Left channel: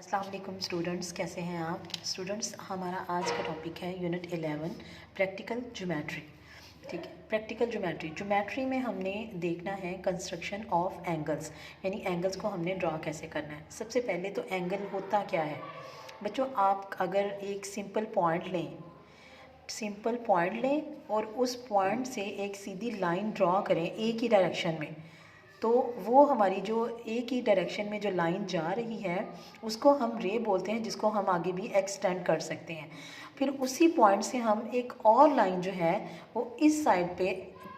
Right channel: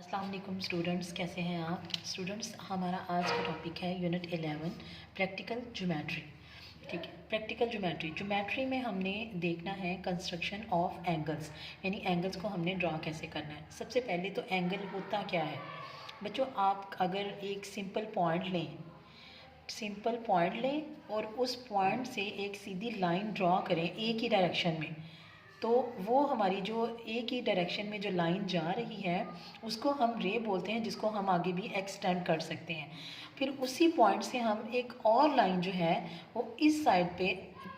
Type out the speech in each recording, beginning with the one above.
अस्सलाम वालेकुम स्टूडेंट्स, कैसे हैं आप स्टूडेंट्स। हमारा आज का टॉपिक है यूनिट 11 प्रैक्टिकल ज्योमेट्री। ठीक है, प्रैक्टिकल ज्योमेट्री में हमने देखना है कंस्ट्रक्शन ऑफ एंगल्स, यानी एंगल्स को हमने ड्रा कैसे करना है। सबसे पहले तो एंगल होता क्या है बच्चों। आप अगर एक सिंपल पॉइंट लें और उस पॉइंट से एक सीधी लाइन ड्रा करें एक ही डायरेक्शन में, तो वो हमारी जो एक ही डायरेक्शन में जो लाइन जा रही है उसको हम रे बोलते हैं, जिसको हम आगे भी एक्सटेंड कर सकते हैं। फिर उसी पॉइंट से हम एक और लाइन जो है वो इस साइड पे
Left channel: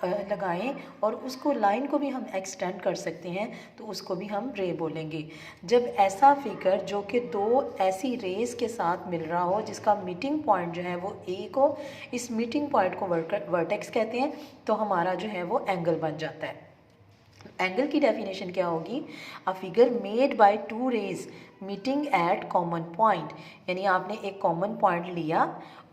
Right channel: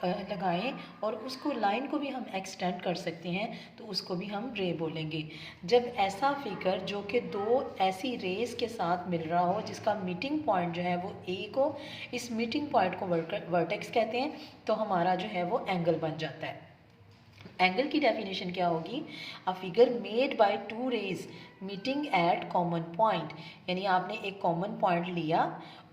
लगाएं और उसको लाइन को भी हम एक्सटेंड कर सकते हैं, तो उसको भी हम रे बोलेंगे। जब ऐसा फिगर जो कि दो ऐसी रेस के साथ मिल रहा हो जिसका मीटिंग पॉइंट जो है वो एक हो, इस मीटिंग पॉइंट को वर्टेक्स कहते हैं, तो हमारा जो है वो एंगल बन जाता है। एंगल की डेफिनेशन क्या होगी? A figure made by two rays meeting at common point, यानी आपने एक कॉमन पॉइंट लिया,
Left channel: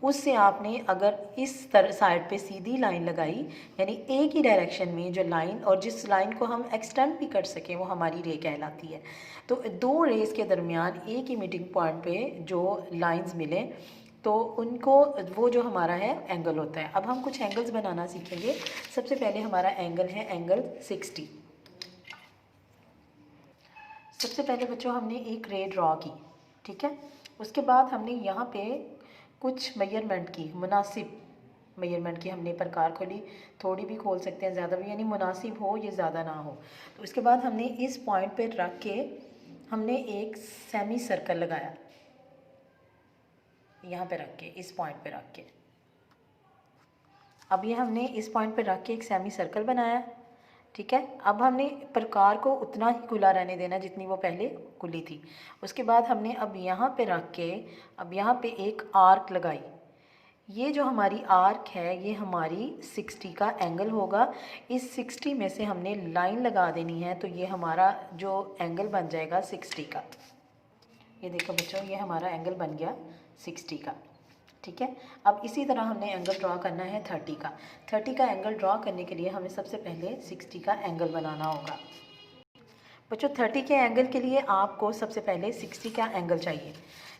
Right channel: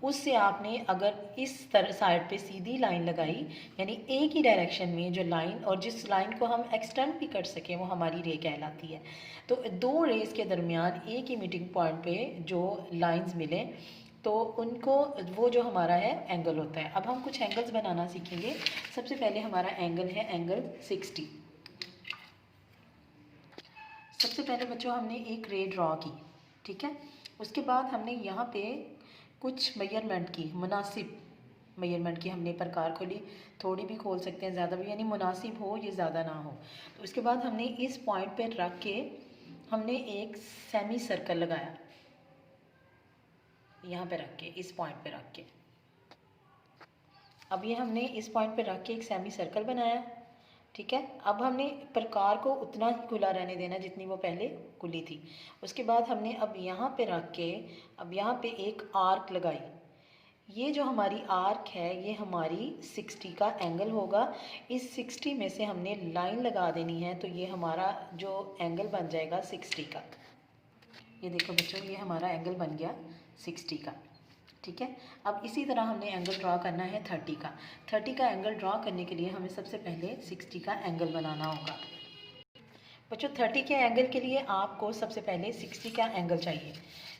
उससे आपने अगर इस तरह साइड पे सीधी लाइन लगाई, यानी एक ही डायरेक्शन में जो लाइन, और जिस लाइन को हम एक्सटेंड भी कर सकें वो हमारी रे कहलाती है। तो दो रेज के दरमियान एक ही मीटिंग पॉइंट पे जो लाइंस मिले तो उनको, वो जो हमारा है एंगल होता है। अब हम कुछ एंगल्स बनाना सीखेंगे। सबसे पहले हमारा एंगल है एंगल 60। सबसे पहले बच्चों हमने एक रे ड्रॉ की, ठीक है। उसके बाद हमने यहाँ पे कुछ मेजरमेंट की, मुनासिब मेजरमेंट की हमने प्रकार खोली, थोड़ी भी खोल सकते हैं, ज़्यादा भी, यानी मुनासिब हो, ये ज़्यादा ना हो। तो उसके बाद हमने इस पॉइंट पे रख के हमने एक सेमी सर्कल लगाया, यहाँ पे रख के, इस पॉइंट पे रख के। अब ये हमने इस पॉइंट पे रख के एक सेमी सर्कल बनाया, ठीक है। अब हमने प्रकार को उतना ही खुला रहने देना जितनी वो पहले खुली थी। उसके बाद हमने अब यहाँ पे रख के, अब यहाँ पे एक आर्क लगाई। ये जो हमारी आर्क है ये हमारी 60 का एंगल होगा। इस 60 में से हमने लाइन लगा देनी है, तो ये हमारा जो एंगल बन जाएगा 60 का। ये देखो बच्चों, ये हमारा एंगल बन गया 60 का, ठीक है। अब इसी तरह हमने एंगल ड्रॉ करना है 30 का। 30 का एंगल ड्रॉ करने के लिए हमें सबसे पहले 60 का एंगल बनाना होगा। बच्चों 30 के एंगल के लिए आपको सबसे पहले 60 का एंगल चाहिए।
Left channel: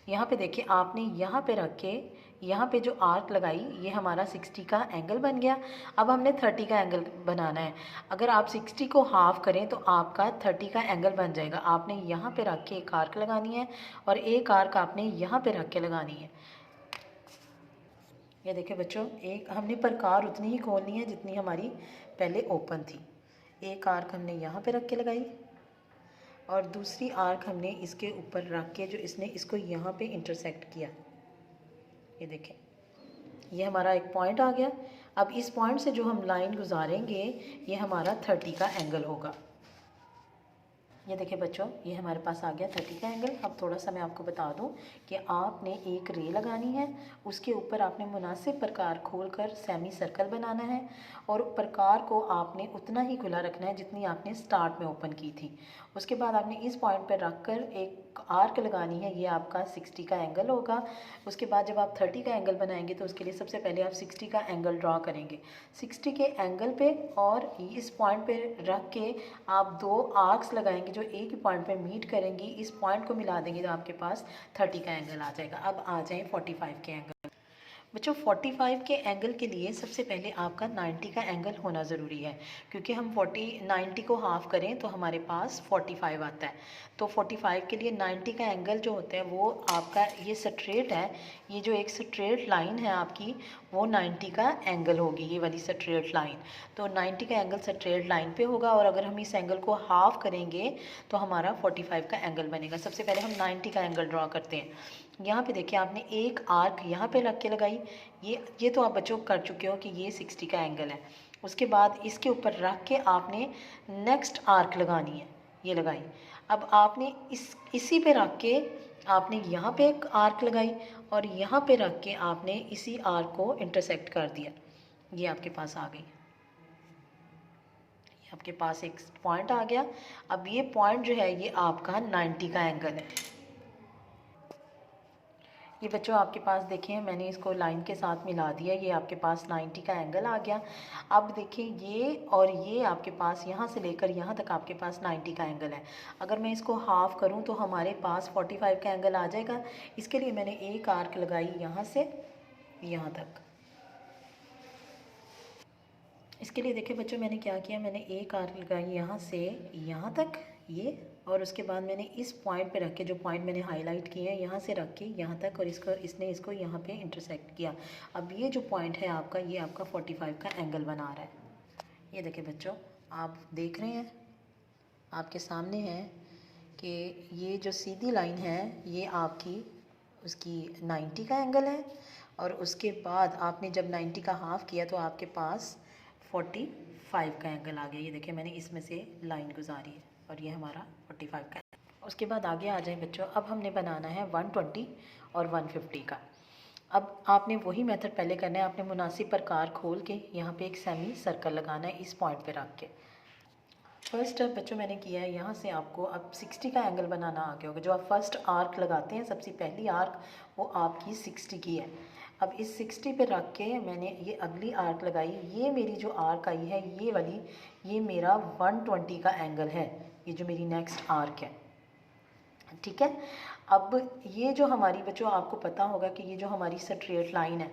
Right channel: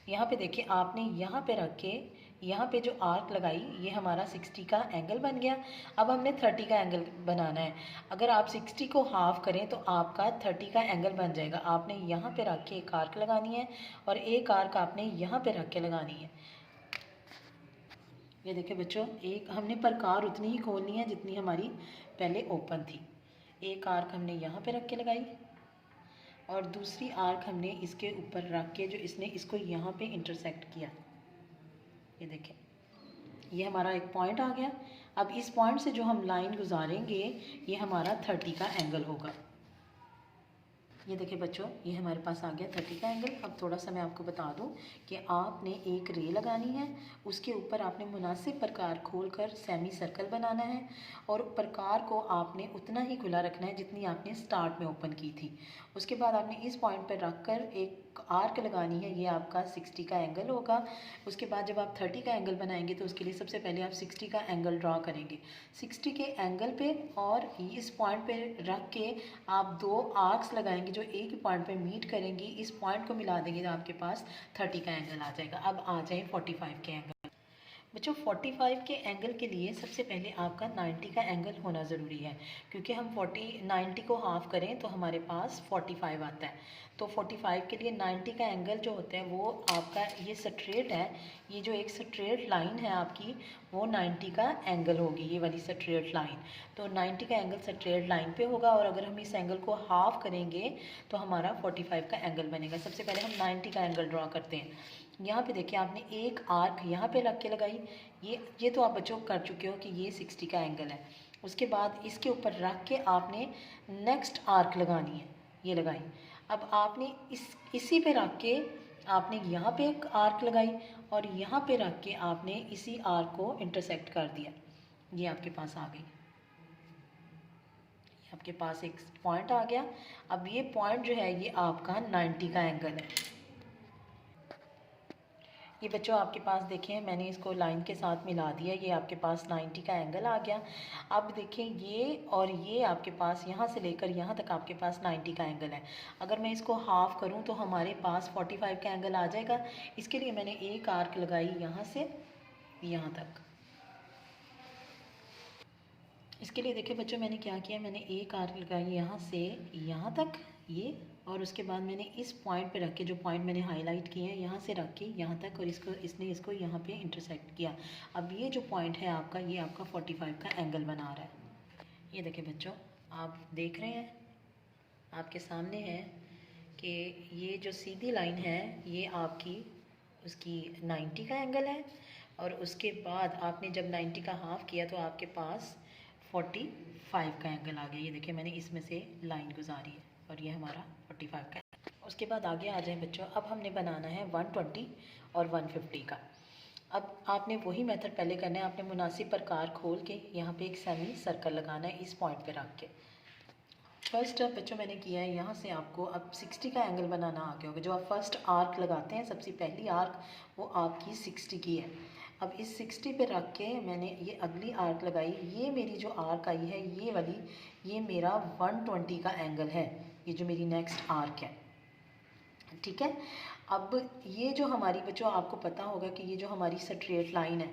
यहाँ पे देखिए, आपने यहाँ पे रख के यहाँ पे जो आर्क लगाई, ये हमारा 60 का एंगल बन गया। अब हमने 30 का एंगल बनाना है। अगर आप 60 को हाफ करें तो आपका 30 का एंगल बन जाएगा। आपने यहाँ पे रख के एक आर्क लगानी है और एक आर्क आपने यहाँ पे रख के लगानी है। ये देखिए बच्चों, एक हमने प्रकार उतनी ही खोलनी है जितनी हमारी पहले ओपन थी। एक आर्क हमने यहाँ पे रख के लगाई और दूसरी आर्क हमने इसके ऊपर रख के, जो इसने इसको यहाँ पे इंटरसेक्ट किया। ये देखें, ये हमारा एक पॉइंट आ गया। अब इस पॉइंट से जो हम लाइन गुजारेंगे ये हमारा 30 का एंगल होगा। ये देखिए बच्चों, ये हमारे पास आ गया 30 का एंगल। अब थोड़ा सा मैं आपको बता दूं कि आपने एक रे लगानी है, उसके ऊपर आपने मुनासिब प्रकार खोलकर सेमी सर्कल बनाना है और प्रकार को आपने उतना ही खुला रखना है जितनी आपने स्टार्ट में ओपन की थी। उसके बाद आपने इस पॉइंट पर रख कर एक आर्क लगानी है, ये आपका 60 का एंगल होगा। उसके बाद जब आप 30 का एंगल बनाएंगे तो उसके लिए सबसे पहले आप 60 का एंगल ड्रॉ करेंगे। 60 के एंगल पे और इस पॉइंट पे रख के आप दो आर्क्स लगाएंगे जो एक ही पॉइंट पे मीट करेंगी। इस पॉइंट को मिला देंगे तो आपके पास 30 का एंगल आ जाएगा। अब आ जाए 45 के एंगल। बच्चों 45 के एंगल के लिए सबसे पहले आपका 90 का एंगल होना ज़रूरी है, क्योंकि हम 90 को हाफ करें तो हमारे पास 45 आता है। तो 45 के लिए 90 का एंगल जो होता है वो आपका ये स्ट्रेट है, ये जो एक स्ट्रेट लाइन है आपकी, वो 90 का एंगल होगी, ये वाली स्ट्रेट लाइन। तो 90 का एंगल स्ट्रेट लाइन पे होगा और अगर हम इस एंगल को हाफ करेंगे तो हमारा 45 का एंगल बनेगा। सबसे पहले हम 90 का एंगल ड्रॉ करते हैं। यहाँ पे देखिए, आपने एक आर्क यहाँ पे रख के लगाई, ये तो आप बच्चों कर चुके हो कि ये 60 का एंगल है। उसके बाद इसके ऊपर रख के आपने नेक्स्ट आर्क लगानी है, ये लगाई। अब आपने इसी पे रख के आपने यहाँ पे एक आर्क लगाई और यहाँ पे रख के आपने इसी आर्क को इंटरसेक्ट कर दिया। ये आपके पास आ गई, आपके पास एक पॉइंट आ गया। अब ये पॉइंट जो है ये आपका 90 का एंगल है। ये बच्चों आपके पास देखें मैंने इसको लाइन के साथ मिला दिया, ये आपके पास 90 का एंगल आ गया। अब देखें ये और ये आपके पास यहाँ से लेकर यहाँ तक आपके पास 90 का एंगल है। अगर मैं इसको हाफ़ करूँ तो हमारे पास 45 का एंगल आ जाएगा। इसके लिए मैंने एक आर्क लगाई यहाँ से यहाँ तक। इसके लिए देखिए बच्चों मैंने क्या किया, मैंने एक आर्क लगाई यहाँ से यहाँ तक ये, और उसके बाद मैंने इस पॉइंट पे रख के, जो पॉइंट मैंने हाईलाइट किए हैं यहाँ से रख के यहाँ तक, और इसने इसको यहाँ पे इंटरसेक्ट किया। अब ये जो पॉइंट है आपका, ये आपका 45 का एंगल बना रहा है। ये देखिए बच्चों आप देख रहे हैं, आपके सामने है कि ये जो सीधी लाइन है ये आपकी उसकी 90 का एंगल है, और उसके बाद आपने जब 90 का हाफ़ किया तो आपके पास 45 का एंगल आ गया। ये देखिए मैंने इसमें से लाइन गुजारी है और ये हमारा 45 का है। उसके बाद आगे आ जाए बच्चों, अब हमने बनाना है 120 और 150 का। अब आपने वही मेथड पहले करना है, आपने मुनासिब प्रकार खोल के यहाँ पे एक सेमी सर्कल लगाना है इस पॉइंट पे रख के। फर्स्ट स्टेप बच्चों मैंने किया है, यहाँ से आपको अब 60 का एंगल बनाना आ गया होगा। जो आप फर्स्ट आर्क लगाते हैं, सबसे पहली आर्क वो आपकी 60 की है। अब इस 60 पे रख के मैंने ये अगली आर्क लगाई। ये मेरी जो आर्क आई है ये वाली, ये मेरा 120 का एंगल है, ये जो मेरी नेक्स्ट आर्क है, ठीक है। अब ये जो हमारी बच्चों आपको पता होगा कि ये जो हमारी स्ट्रेट लाइन है,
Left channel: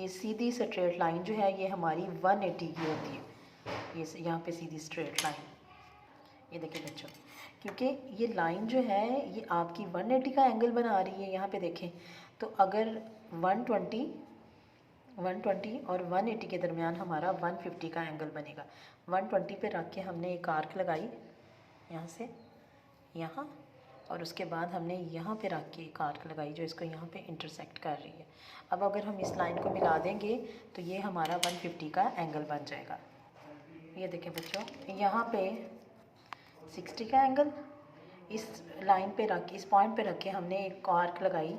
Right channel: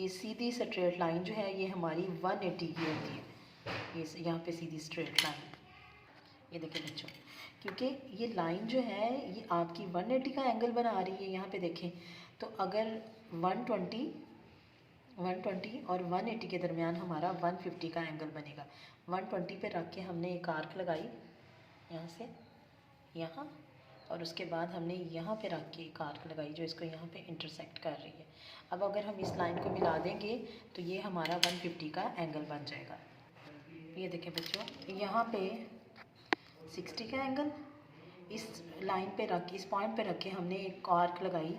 ये सीधी स्ट्रेट लाइन जो है ये हमारी 180 की होती है। ये यहाँ पे सीधी स्ट्रेट लाइन, ये देखिए बच्चों, क्योंकि ये लाइन जो है ये आपकी 180 का एंगल बना रही है। यहाँ पे देखें तो अगर 120 और 180 के दरमियान हमारा 150 का एंगल बनेगा। 120 पे रख के हमने एक आर्क लगाई यहाँ से यहाँ, और उसके बाद हमने यहाँ पे रख के एक आर्क लगाई जो इसको यहाँ पे इंटरसेक्ट कर रही है। अब अगर हम इस लाइन को मिला देंगे तो ये हमारा 150 का एंगल बन जाएगा। ये देखें बच्चों, यहाँ पे 60 का एंगल, इस लाइन पे रख, इस पॉइंट पे रख के हमने एक आर्क लगाई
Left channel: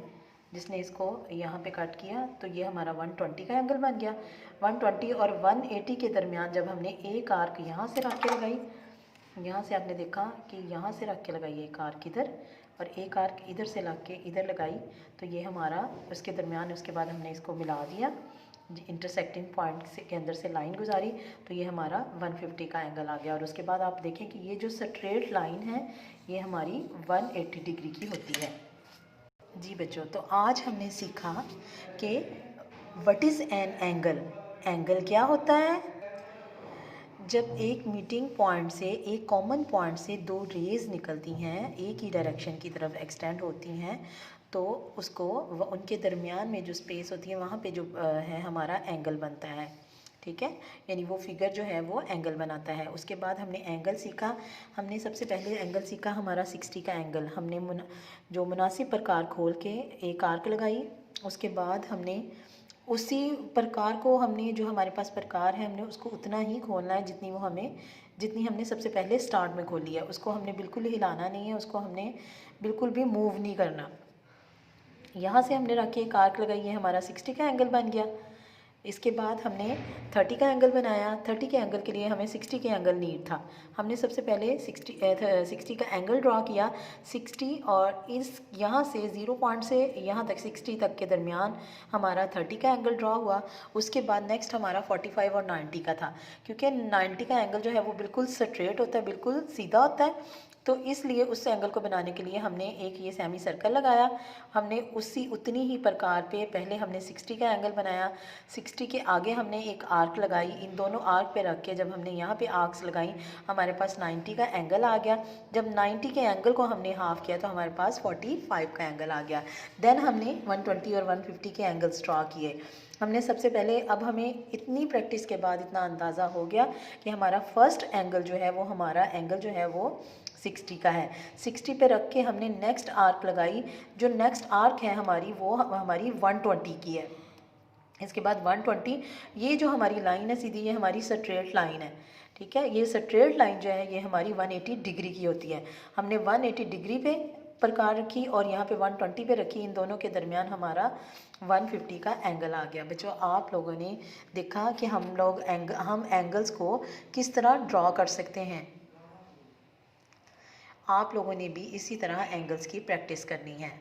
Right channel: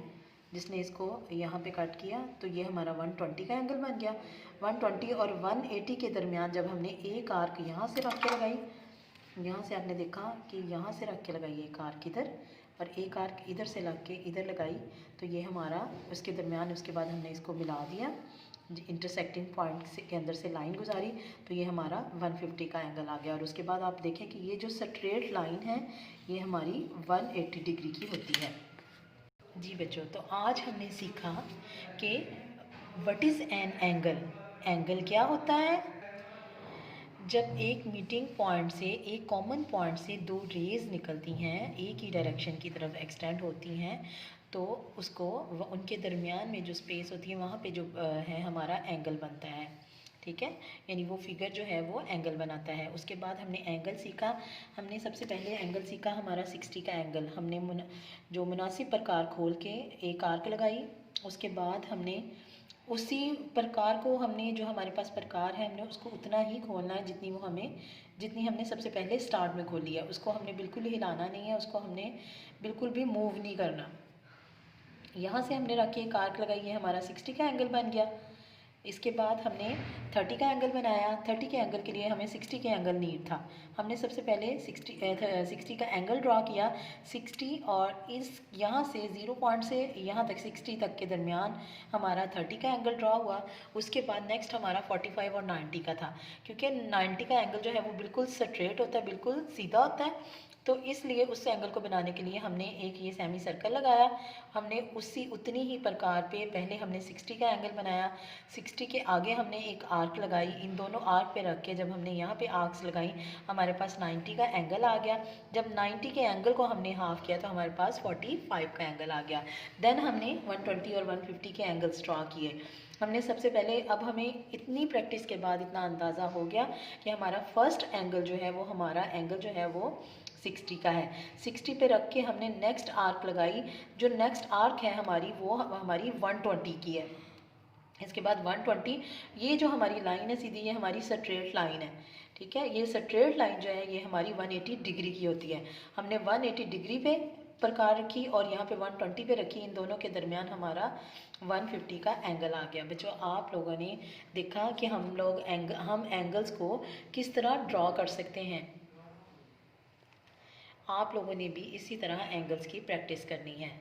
जिसने इसको यहाँ पे कट किया, तो ये हमारा 120 का एंगल बन गया। 120 और 180 के दरमियान जब हमने एक आर्क यहाँ से रख के लगाई, यहाँ से आपने देखा कि यहाँ से रख के लगाई एक आर्क इधर और एक आर्क इधर से लग के इधर लगाई, तो ये हमारा उसके दरमियान, उसके बाद हमने इसको मिला दिया, इंटरसेक्टिंग पॉइंट से के अंदर से लाइन गुजारी, तो ये हमारा 150 का एंगल आ गया। और उसके बाद आप देखें कि ये जो स्ट्रेट लाइन है ये हमारी 180 डिग्री की होती है। जी बच्चों, तो आज हमने सीखा कि what is an angle. Angle क्या होता है? जब एक मीटिंग पॉइंट से, एक कॉमन पॉइंट से दो रेज़ निकलती हैं, एक ही डायरेक्शन की तरफ एक्सटेंड होती हैं, तो उसको उनके दरमियान में जो स्पेस होती है वहाँ पे जो है हमारा एंगल बनता है, ठीक है। यानी वो फिगर जो है वो एंगल बनाता है। उसके बाद हमने एंगल सीखा। हमने सबसे पहले एंगल सीखा हमारा 60 का एंगल। हमने जो मुनासिब प्रकार खोल के एक आर्क लगाई, उसके बाद हमने उसी प्रकार को, हमने जो हमारे पास प्रकार है हमने उसको उतना ही खोलना है जितनी हमने सबसे पहले स्टार्ट में खोली है। उसको हमने बिल्कुल हिलाना नहीं है, उसको हमने बिल्कुल भी मूव नहीं करना। यहाँ से हमने रख के एक आर्क लगाई है, हमारा 60 का एंगल बन गया। इसके बाद हमने 30 का एंगल बनाया। 30 के एंगल के लिए हमें 60 के एंगल नीड था। हमने सबसे पहले 60 का एंगल ड्रा किया। 60 और इस यहाँ से 0 पॉइंट से यहाँ तक 60 तक के दरमियान हमारा 30 का एंगल ड्रा हुआ। उसके बाद नेक्स्ट हमारा 45 और 90 का था, क्योंकि 90 का एंगल जो है वो बिल्कुल स्ट्रेट होता है, बिल्कुल सीधा होता है, तो इसलिए उस एंगल को बनाने के लिए हमने एक ये सेमी सर्कल लगाया। हमने उतनी ही प्रकार पे पहले हमने 60 का एंगल बनाया। 60 के आगे हमने एक आर्क लगाई। इन दोनों आर्क पे रख के जब हमने यहाँ पे आर्क्स लगाई, हमारे पास 90 का एंगल आ गया। जब 90 के एंगल को हमने हाफ़ किया तो हमारे पास 45 का एंगल आ गया। देन हमने 120 और 150 के एंगल्स ड्रा किए। हमने सबसे पहले, अब हमें इतनी प्रैक्टिस के बाद इतना अंदाज़ा हो गया कि हमारा फर्स्ट एंगल जो है वो, हमारा एंगल जो है वो 60 का है। 60 पे रख के हमने नेक्स्ट आर्क लगाई। जो नेक्स्ट आर्क है हमारी, वो हमारी 120 की है। इसके बाद 120, ये जो हमारी लाइन है सीधी, ये हमारी स्ट्रेट लाइन है, ठीक है। ये स्ट्रेट लाइन जो है ये हमारी 180 डिग्री की होती है। हमने 180 डिग्री पे प्रकार रखी और यहाँ पे 120 पे रखी। इन दोनों के दरमियान हमारा 150 का एंगल आ गया। बच्चों, आप लोगों ने देखा कि हम एंगल्स को किस तरह ड्रॉ कर सकते हैं। आप लोगों ने भी इसी तरह एंगल्स की प्रैक्टिस करनी है।